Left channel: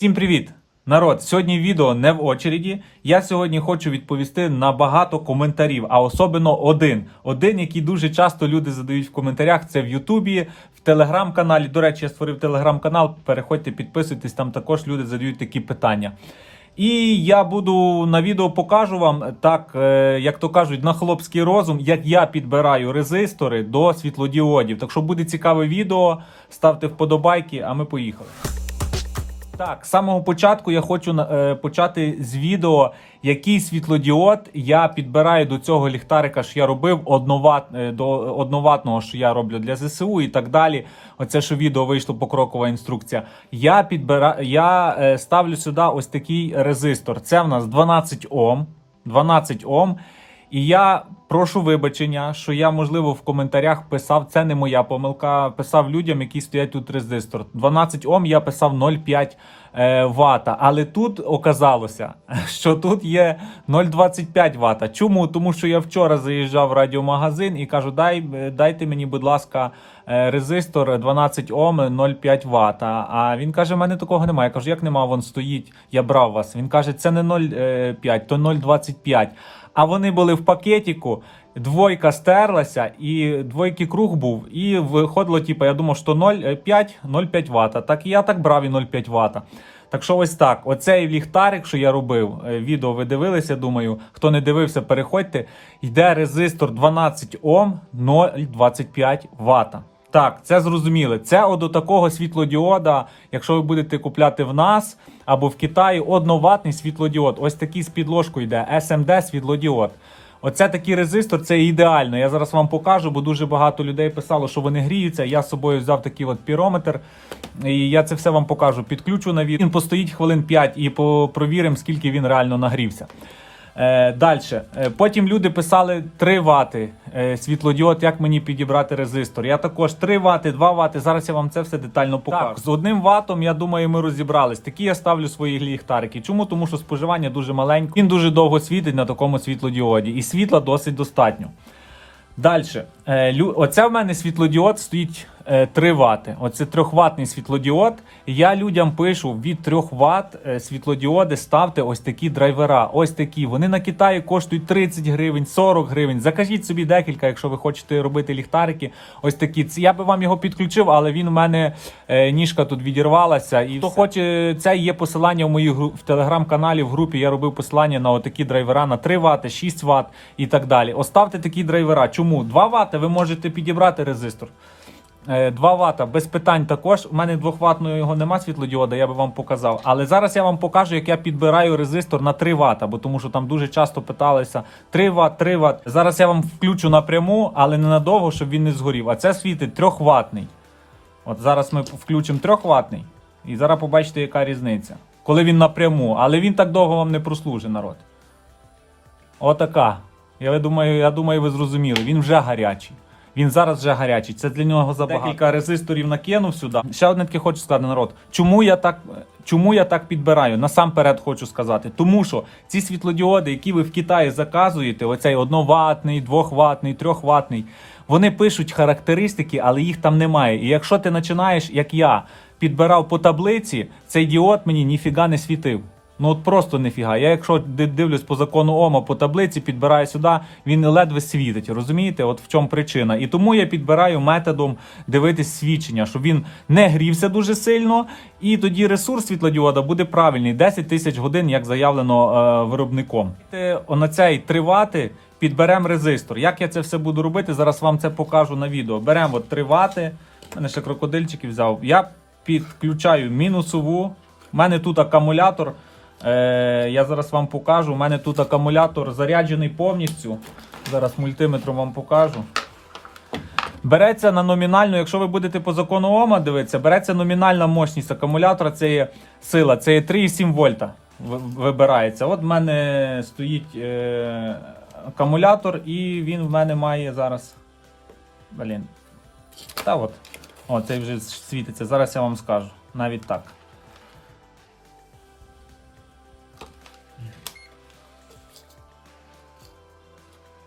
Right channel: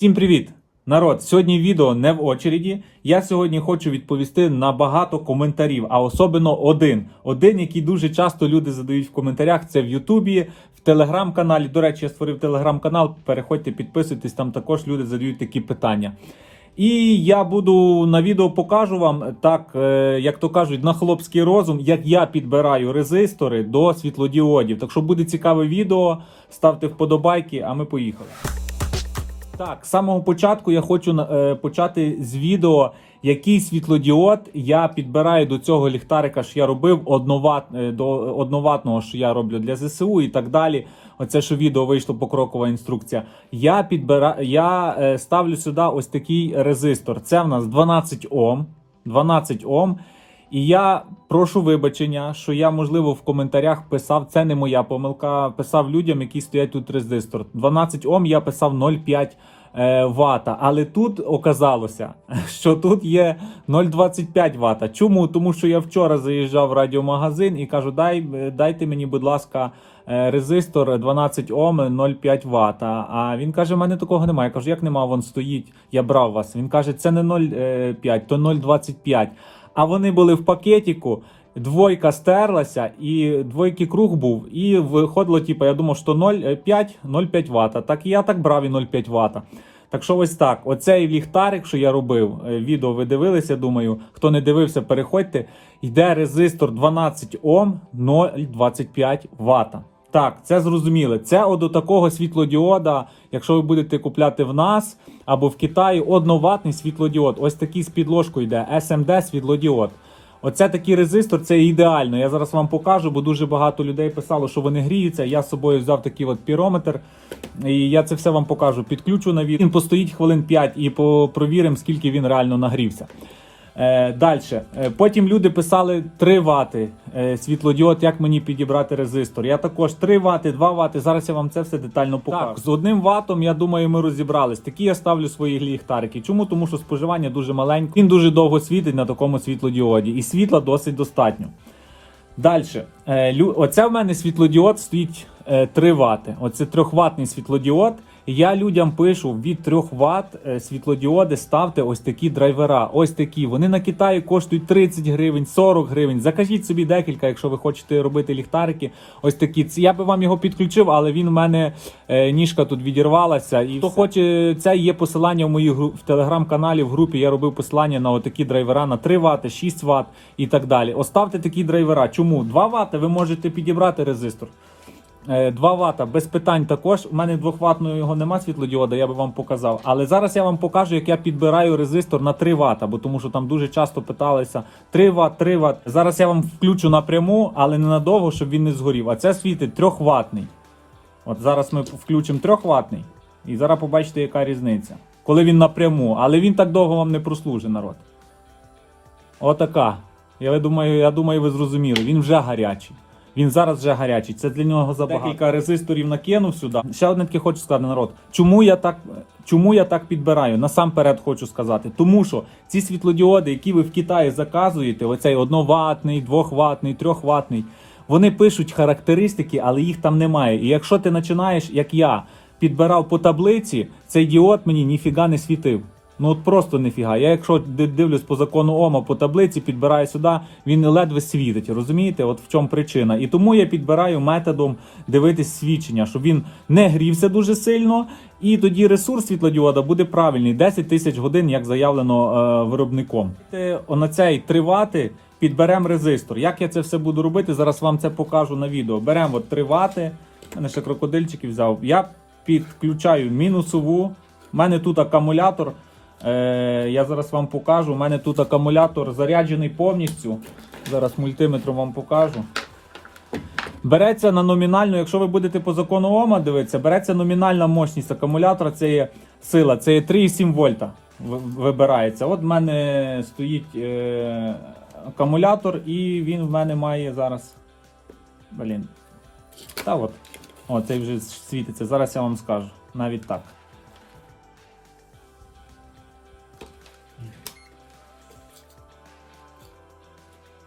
Всім привіт! Народ, сьогодні відео не в очереді. Я сьогодні хочу відповісти на багато коментарів, а особливо один. Один, який дуже часто люди задають в коментарях, це в Ютубі, в телеграм-каналі. До речі, я створив телеграм-канал. Переходьте, підписуйтесь, там також люди задають такі питання. І я буду на відео покажу вам так, е, як то кажуть, на хлопський розум, як я підбираю резистори до світлодіодів. Так що буде цікаве відео, ставте вподобайки, а ми поїхали. Так, з самого початку я хочу е, почати з відео, який світлодіод я підбираю до цього ліхтарика, що я робив одноват, е, до одноватного, що я роблю для ЗСУ і так далі. Оце що відео вийшло покрокова інструкція. Я підбира... я е, ставлю сюди ось такий резистор. Це в нас 12 Ом. 12 Ом. І я прошу вибачення, що я, можливо, в коментарях писав, це не моя помилка. Писав людям, які стоять тут резистор. 12 Ом я писав 0,5 е, вата. Але тут оказалося, що тут є 0,25 вата. Чому? Тому що я вчора заїжджав в радіомагазин і кажу, дай, дайте мені, будь ласка, е, резистор 12 Ом 0,5 Вт. А він каже, в мене такого немає. Я кажу, як нема, вон стоїть, я брав вас. Він каже, це не 0,5, то 0,25. А вони були в пакетику. Двойка стерлася, і двойки круг був, і виходило, типу, я думав, що 0,5 0,5 Вт. Так і я так брав і 0,5 Вт. Так що ось так. Оцей ліхтарик, що я робив, е, відео ви дивилися, думаю. Хто не дивився, переходьте. Йде резистор 12 Ом 0,25 Вт. Так, це зрозуміли. Це от до такого світлодіода, якщо ви будете купляти в нас або в Китаї, одноватний світлодіод. Ось такий з підложкою йде SMD світлодіод. Оце такий резистор, це ідеально. Я зараз вам покажу, бо дуже багато людей писало, що вони гріються. Я з собою взяв такий от пірометр, і я це все вам покажу. Підключу на відео. Він постоїть хвилин 5 і провіримо, скільки він реально нагрівся. Е, Далі. Потім люди писали 3 вати е, світлодіод, як мені підібрати резистор. Я також 3 вати, 2 вати. Зараз я вам це все детально покажу. Так, з одним ватом, я думаю, ми розібрались. Такі я ставлю свої ліхтарики. Чому? Тому що споживання дуже маленьке. Він дуже довго світить на такому світлодіоді, і світла досить достатньо. Далі. Оце в мене світлодіод стоїть 3 вати. Оце 3-ваттний світлодіод. Я людям пишу від 3 Вт світлодіоди ставте ось такі драйвера. Ось такі. Вони на Китаї коштують 30 гривень, 40 гривень. Закажіть собі декілька, якщо ви хочете робити ліхтарики. Ось такі. Я би вам його підключив, але він у мене е, ніжка тут відірвалася. І хто хоче, це є посилання в моїй в телеграм-каналі в групі. Я робив посилання на отакі драйвера на 3 Вт, 6 Вт і так далі. Оставте такі драйвера. Чому? 2 Вт ви можете підібрати резистор. 2 Вт без питань також. У мене 2 ватного його нема світлодіода, я би вам показав. Але зараз я вам покажу, як я підбираю резистор на 3 Вт, бо тому що там дуже часто питалися 3 Вт, 3 Вт. Зараз я вам включу напряму, але не надовго, щоб він не згорів. А це світить 3 ватний. От зараз ми включимо 3 ватний. І зараз побачите, яка різниця. Коли він напряму, але він так довго вам не прослужить, народ. Отака. Я думаю, я думаю, ви зрозуміли. Він вже гарячий. Він зараз вже гарячий. Це для нього забагато. Декілька резисторів накинув сюди. Ще одне таке хочу сказати, народ. Чому я так чому я так підбираю? Насамперед хочу сказати. Тому що ці світлодіоди, які ви в Китаї заказуєте, оцей одноватний, двохватний, трьохватний, вони пишуть характеристики, але їх там немає. І якщо ти починаєш, як я, підбирав по таблиці, цей діод мені ніфіга не світив. Ну от просто нефіга. Я якщо дивлюсь по закону Ома по таблиці, підбираю сюди, він ледве світить. Розумієте? От в чому причина. І тому я підбираю методом дивитись свідчення, щоб він не грівся дуже сильно, і тоді ресурс світлодіода буде правильний 10 тисяч годин, як заявлено е, виробником. На цей 3 вати підберемо резистор. Як я це все буду робити? Зараз вам це покажу на відео. Беремо от 3 вати. У мене ще крокодильчики взяв. Я підключаю мінусову. У мене тут акумулятор. Е, Я зараз вам покажу. У мене тут акумулятор заряджений повністю. Зараз мультиметром вам покажу. Береться на номінальну, якщо ви будете по закону Ома дивитися, береться номінальна мощність акумулятора, це є сила, це є 3,7 вольта. Вибирається. От в мене стоїть е, акумулятор, і він в мене має зараз. Блін. Та от. О, цей вже світиться. Зараз я вам скажу. Навіть так.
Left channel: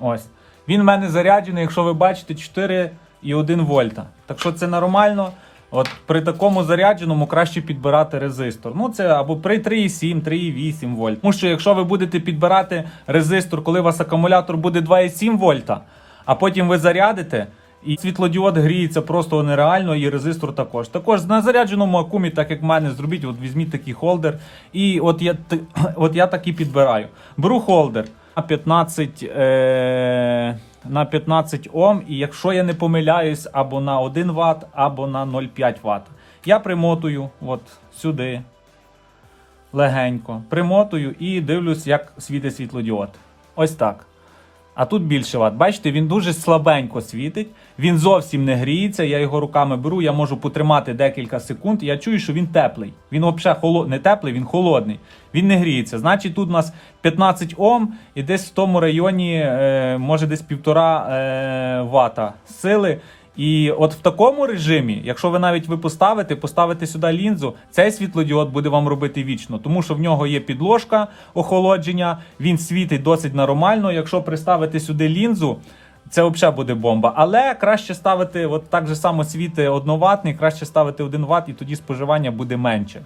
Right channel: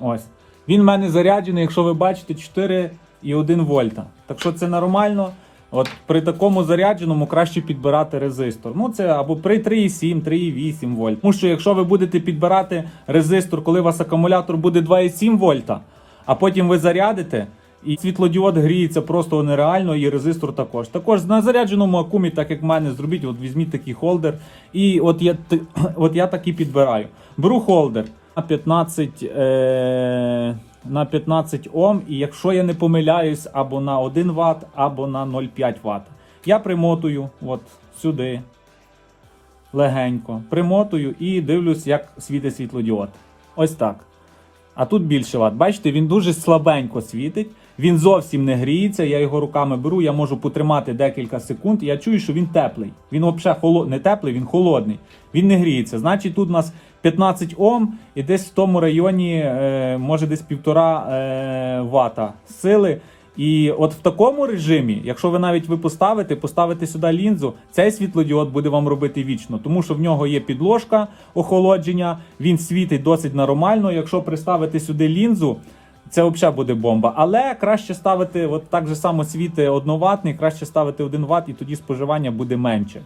Ось. Він в мене заряджений, якщо ви бачите, 4,1 вольта. Так що це нормально. От при такому зарядженому краще підбирати резистор. Ну це або при 3,7, 3,8 вольт. Тому що якщо ви будете підбирати резистор, коли у вас акумулятор буде 2,7 вольта, а потім ви зарядите. І світлодіод гріється просто нереально, і резистор також. Також на зарядженому акумі, так як в мене, зробіть, от візьміть такий холдер. І от я, от я так і підбираю. Беру холдер на 15, е, на 15 Ом, і якщо я не помиляюсь, або на 1 Вт, або на 0,5 Вт. Я примотую от сюди легенько. Примотую і дивлюсь, як світить світлодіод. Ось так. А тут більше ват. Бачите, він дуже слабенько світить, він зовсім не гріється. Я його руками беру, я можу потримати декілька секунд. Я чую, що він теплий. Він взагалі холод... не теплий, він холодний. Він не гріється. Значить, тут у нас 15 Ом і десь в тому районі, е, може десь півтора е, вата сили. І от в такому режимі, якщо ви навіть ви поставите, поставите сюди лінзу, цей світлодіод буде вам робити вічно, тому що в нього є підложка охолодження, він світить досить нормально. Якщо приставити сюди лінзу, це взагалі буде бомба. Але краще ставити, от так же само світи одноватний, краще ставити 1 Вт, і тоді споживання буде менше.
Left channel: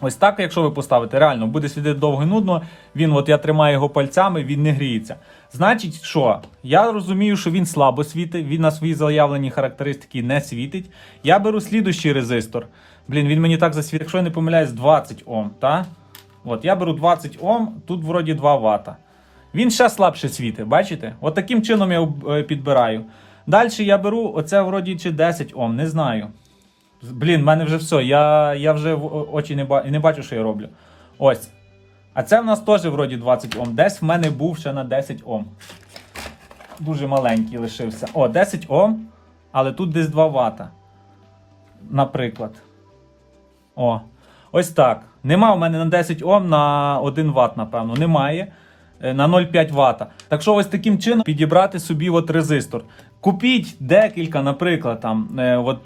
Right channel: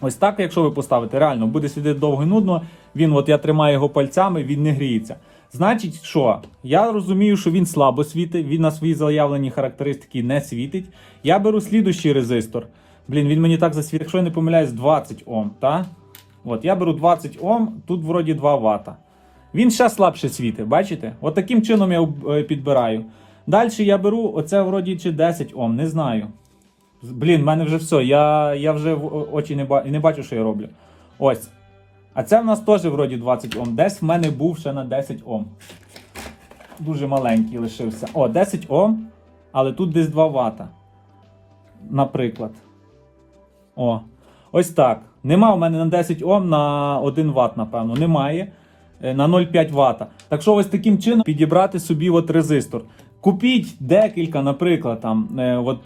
Ось так, якщо ви поставите, реально буде світити довго і нудно. Він, от я тримаю його пальцями, він не гріється. Значить, що я розумію, що він слабо світить, він на свої заявлені характеристики не світить. Я беру слідущий резистор. Блін, він мені так засвітить, якщо я не помиляюсь, 20 Ом. Та? От я беру 20 Ом, тут вроді 2 Вт. Він ще слабше світить, бачите? От таким чином я е, підбираю. Далі я беру оце вроді чи 10 Ом, не знаю. Блін, в мене вже все. Я, я вже очі не, ба... не бачу, що я роблю. Ось. А це в нас теж вроді 20 Ом. Десь в мене був ще на 10 Ом. Дуже маленький лишився. О, 10 Ом, але тут десь 2 Вт. Наприклад. О. Ось так. Нема в мене на 10 Ом на 1 Вт, напевно. Немає. Е, На 0,5 Вт. Так що ось таким чином підібрати собі от резистор. Купіть декілька, наприклад, там, е, от,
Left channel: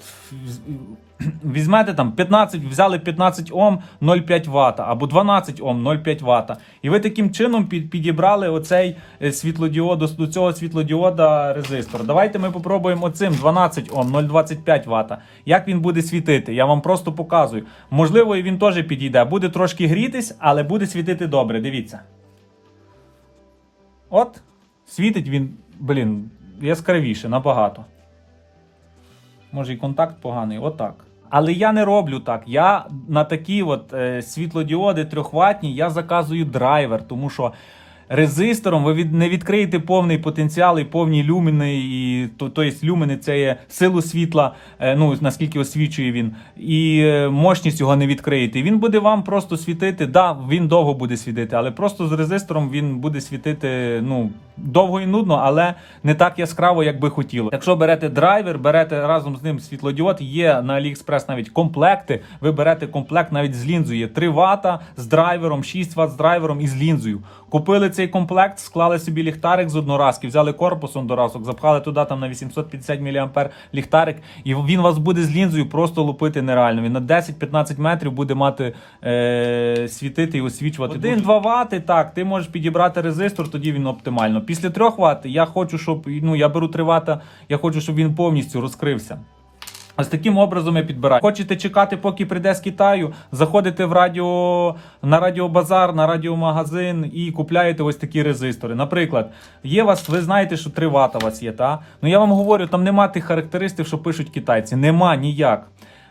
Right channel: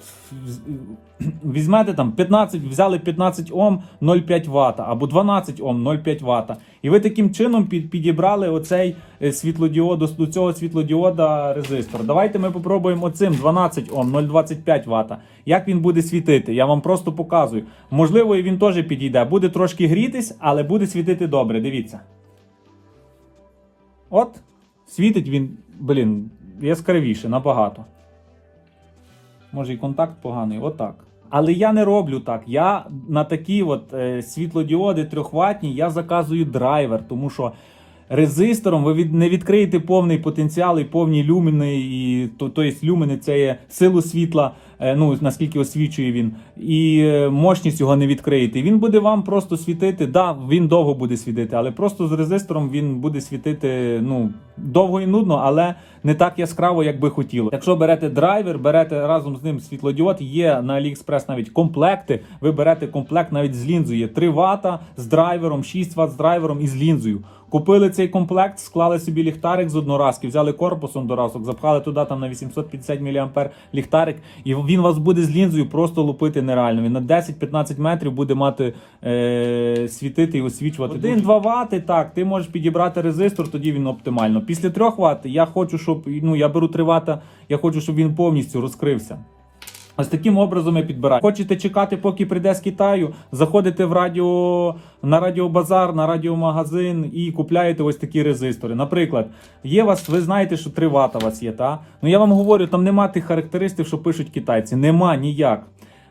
візьмете там 15, взяли 15 Ом 0,5 Вт, або 12 Ом 0,5 Вт. І ви таким чином підібрали оцей е, світлодіод, до цього світлодіода резистор. Давайте ми попробуємо оцим 12 Ом 0,25 Вт. Як він буде світити? Я вам просто показую. Можливо, він теж підійде. Буде трошки грітись, але буде світити добре. Дивіться. От, світить він, блін, яскравіше, набагато. Може і контакт поганий, отак. Але я не роблю так. Я на такі от е, світлодіоди трьохватні я заказую драйвер, тому що резистором ви від, не відкриєте повний потенціал і повні люмени, і то, то є люмени це є силу світла, е, ну наскільки освічує він, і е, мощність його не відкриєте. Він буде вам просто світити. Да, він довго буде світити, але просто з резистором він буде світити ну довго і нудно, але не так яскраво, як би хотіло. Якщо берете драйвер, берете разом з ним світлодіод, є на AliExpress навіть комплекти. Ви берете комплект навіть з лінзою. Є 3 Вт з драйвером, 6 Вт з драйвером і з лінзою. Купили цей комплект, склали собі ліхтарик з одноразки, взяли корпусом до разок, запхали туди там на 850 мА ліхтарик, і він вас буде з лінзою просто лупити нереально. Він на 10-15 метрів буде мати е, світити і освічувати. 1-2 Вт, так, ти можеш підібрати резистор, тоді він оптимально. Після 3 Вт я хочу, щоб ну я беру 3 Вт, я хочу, щоб він повністю розкрився. Ось таким образом я підбираю. Хочете чекати, поки прийде з Китаю, заходите в радіо на радіобазар, на радіомагазин і купляєте ось такі резистори. Наприклад, є вас, ви знаєте, що 3 вата у вас є, та? Ну я вам говорю, там нема тих характеристик, що пишуть китайці. Нема ніяк.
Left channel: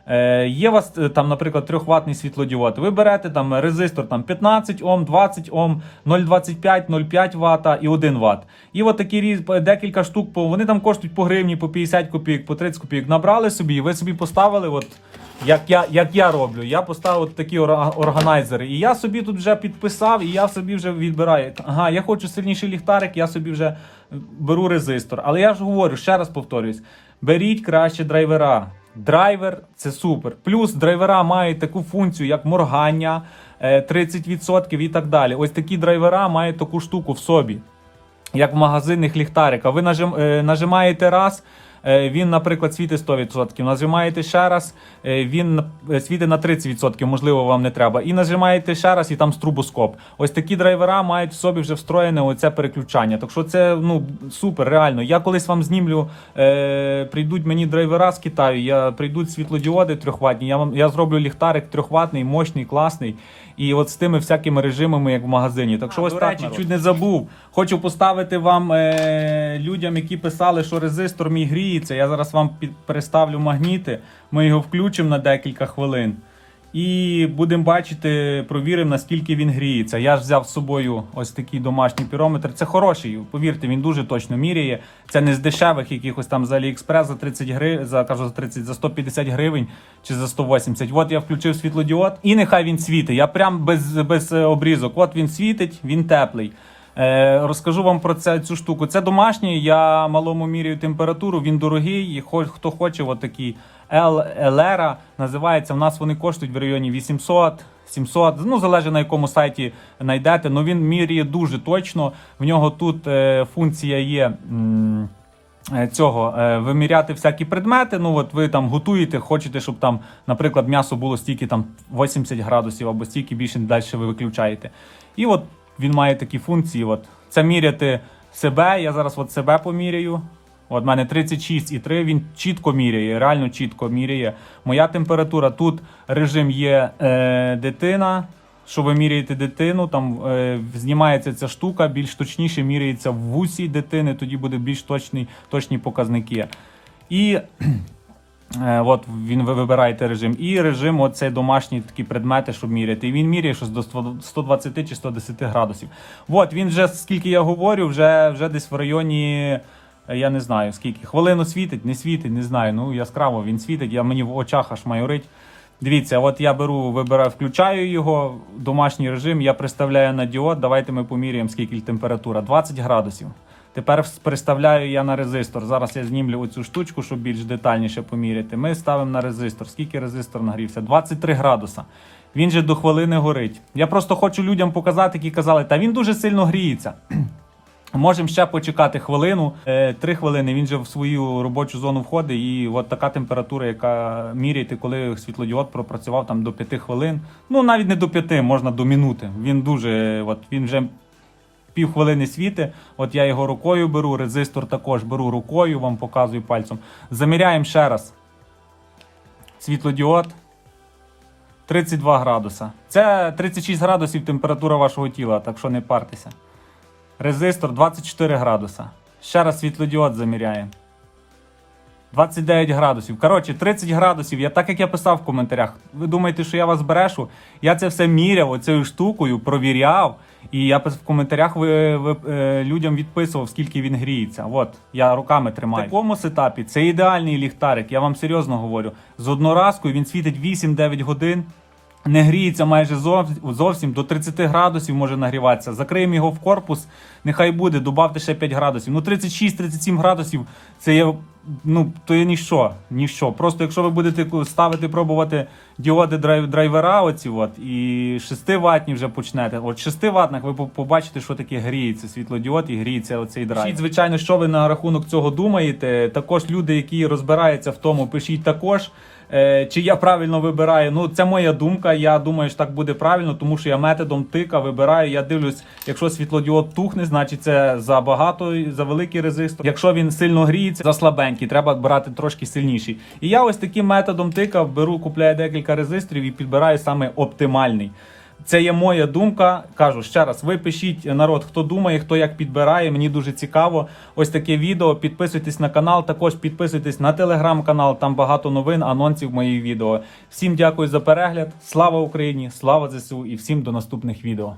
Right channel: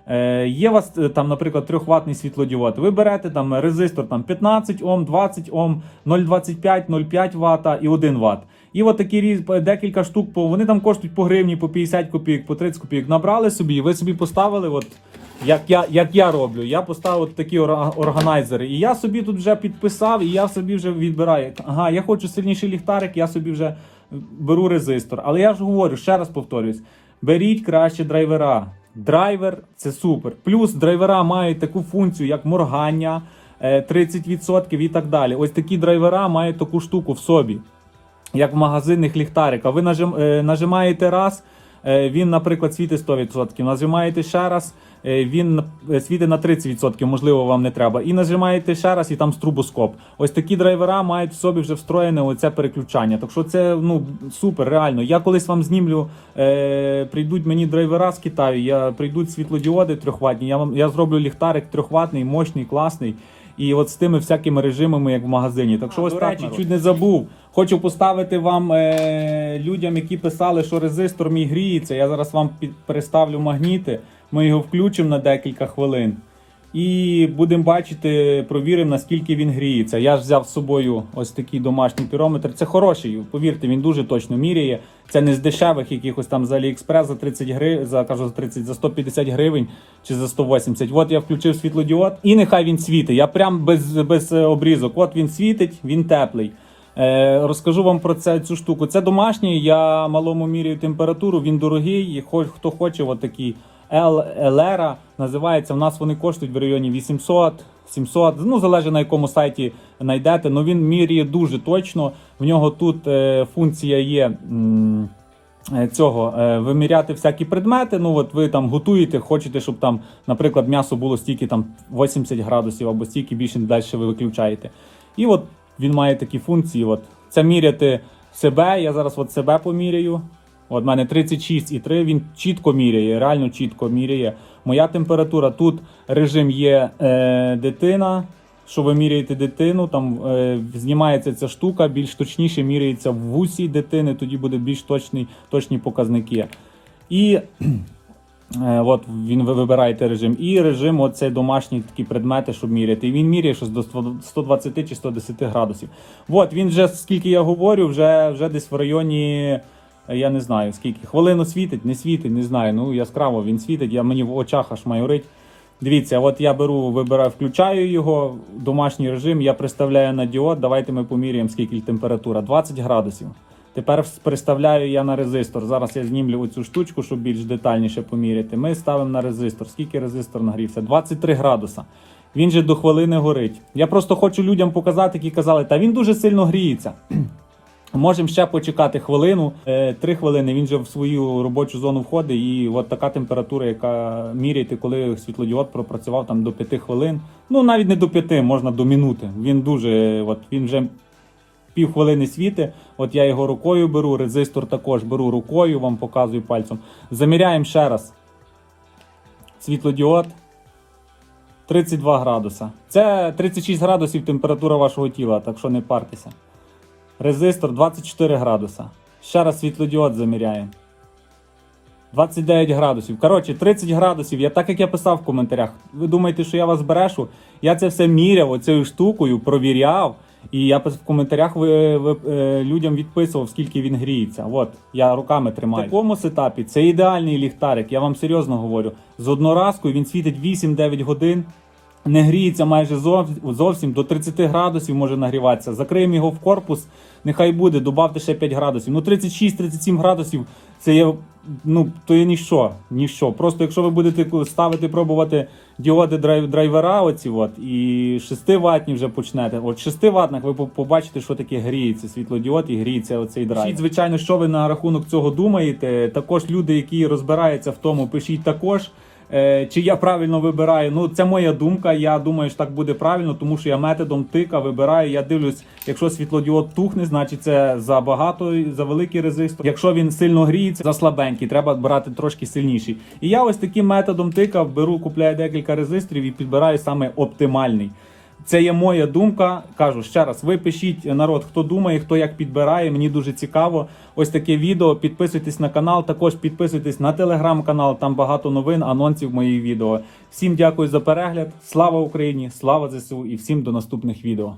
Е, є у вас е, там, наприклад, 3 ватний світлодіод. Ви берете там резистор там 15 Ом, 20 Ом, 0,25, 0,5 Вт і 1 Вт. І от такі різ, декілька штук, вони там коштують по гривні, по 50 копійок, по 30 копійок. Набрали собі, і ви собі поставили, от, як, я, як я роблю. Я поставив от такі органайзери. І я собі тут вже підписав, і я собі вже відбираю. Ага, я хочу сильніший ліхтарик, я собі вже беру резистор. Але я ж говорю, ще раз повторюсь: беріть краще драйвера. Драйвер це супер. Плюс драйвера мають таку функцію, як моргання, е, 30% і так далі. Ось такі драйвера мають таку штуку в собі, як в магазинних ліхтариках. Ви е, нажимаєте раз, е, він, наприклад, світить 100%. Нажимаєте ще раз, е, він е, світить на 30%, можливо, вам не треба. І нажимаєте ще раз, і там струбоскоп. Ось такі драйвера мають в собі вже встроєне оце переключання. Так що це ну супер, реально. Я колись вам знімлю, е, прийдуть мені драйвера з Китаю, я прийдуть світлодіоди трьохватні. Я вам я зроблю ліхтарик трьохватний, мощний, класний. І от з тими всякими режимами, як в магазині. Так що ось так, речі, чуть не забув. Хочу поставити вам е, людям, які писали, що резистор мій гріється. Я зараз вам під, переставлю магніти. Ми його включимо на декілька хвилин. І будемо бачити, провіримо, наскільки він гріється. Я ж взяв з собою ось такий домашній пірометр. Це хороший, повірте, він дуже точно міряє. Це не з дешевих якихось там з Аліекспрес за 30 гривень, за кажу за 30, за 150 гривень чи за 180. От я включив світлодіод, і нехай він світить. Я прям без, без е, обрізок. От він світить, він теплий. Е, розкажу вам про це цю штуку. Це домашній. Я малому міряю температуру. Він дорогий. І хто хоче, от такий LR називається. У нас вони коштують в районі 800. 700, ну залежить на якому сайті знайдете. Ну він міряє дуже точно. В нього тут е, функція є. м, е, Цього е, виміряти всякі предмети. Ну от ви там готуєте, хочете, щоб там, наприклад, м'ясо було стільки там 80 градусів або стільки більше далі ви виключаєте. І от він має такі функції. От це міряти себе. Я зараз от себе поміряю. От мене 36,3, він чітко міряє, реально чітко міряє. Моя температура тут режим є е, дитина. Що ви міряєте дитину, там е, знімається ця штука, більш точніше міряється в вусі дитини, тоді буде більш точні, точні показники. І Е, От він ви вибираєте режим. І режим, оцей домашні такі предмети, щоб міряти. І він міряє щось до 120 чи 110 градусів. От він вже, скільки я говорю, вже, вже десь в районі. Я не знаю скільки. Хвилину світить, не світить, не знаю. Ну яскраво він світить, я мені в очах аж майорить. Дивіться, от я беру, вибираю, включаю його, домашній режим, я приставляю на діод. Давайте ми поміряємо, скільки температура. 20 градусів. Тепер переставляю я на резистор. Зараз я знімлю оцю штучку, щоб більш детальніше поміряти. Ми ставимо на резистор. Скільки резистор нагрівся? 23 градуса. Він же до хвилини горить. Я просто хочу людям показати, які казали, та він дуже сильно гріється. Можемо ще почекати хвилину, е, три хвилини. Він же в свою робочу зону входить, і от така температура, яка міряєте, коли світлодіод пропрацював там до 5 хвилин. Ну навіть не до 5, можна до минути. Він дуже, от він вже півхвилини світи. От я його рукою беру, резистор також беру рукою, вам показую пальцем. Заміряємо ще раз. Світлодіод 32 градуса. Це 36 градусів температура вашого тіла, так що не партеся. Резистор 24 градуса. Ще раз світлодіод заміряємо. 29 градусів. Коротше, 30 градусів. Я так як я писав в коментарях. Ви думаєте, що я вас брешу? Я це все міряв оцею штукою, провіряв. І я в коментарях ви, ви, е, людям відписував, скільки він гріється. От, я руками тримаю. В такому сетапі це ідеальний ліхтарик, я вам серйозно говорю. З одноразкою він світить 8-9 годин. Не гріється майже зовсім до 30 градусів може нагріватися. Закриємо його в корпус, нехай буде, добавте ще 5 градусів. Ну 36-37 градусів це є, ну то є ніщо. ніщо. Просто якщо ви будете ставити, пробувати діоди драйв, драйвера, оці от, і 6 ватні вже почнете. От 6 ватних ви побачите, що таке гріється світлодіод і гріється оцей драйв. Пишіть, звичайно, що ви на рахунок цього думаєте. Також люди, які розбираються в тому, пишіть також. Е, Чи я правильно вибираю? Ну, це моя думка. Я думаю, що так буде правильно, тому що я методом тика вибираю. Я дивлюсь, якщо світлодіод тухне, значить це за багато, за великий резистор. Якщо він сильно гріється, за слабенький, треба брати трошки сильніший. І я ось таким методом тика беру, купляю декілька резисторів і підбираю саме оптимальний. Це є моя думка. Кажу ще раз, ви пишіть народ, хто думає, хто як підбирає. Мені дуже цікаво. Ось таке відео. Підписуйтесь на канал. Також підписуйтесь на телеграм-канал. Там багато новин, анонсів моїх відео. Всім дякую за перегляд. Слава Україні! Слава ЗСУ і всім до наступних відео.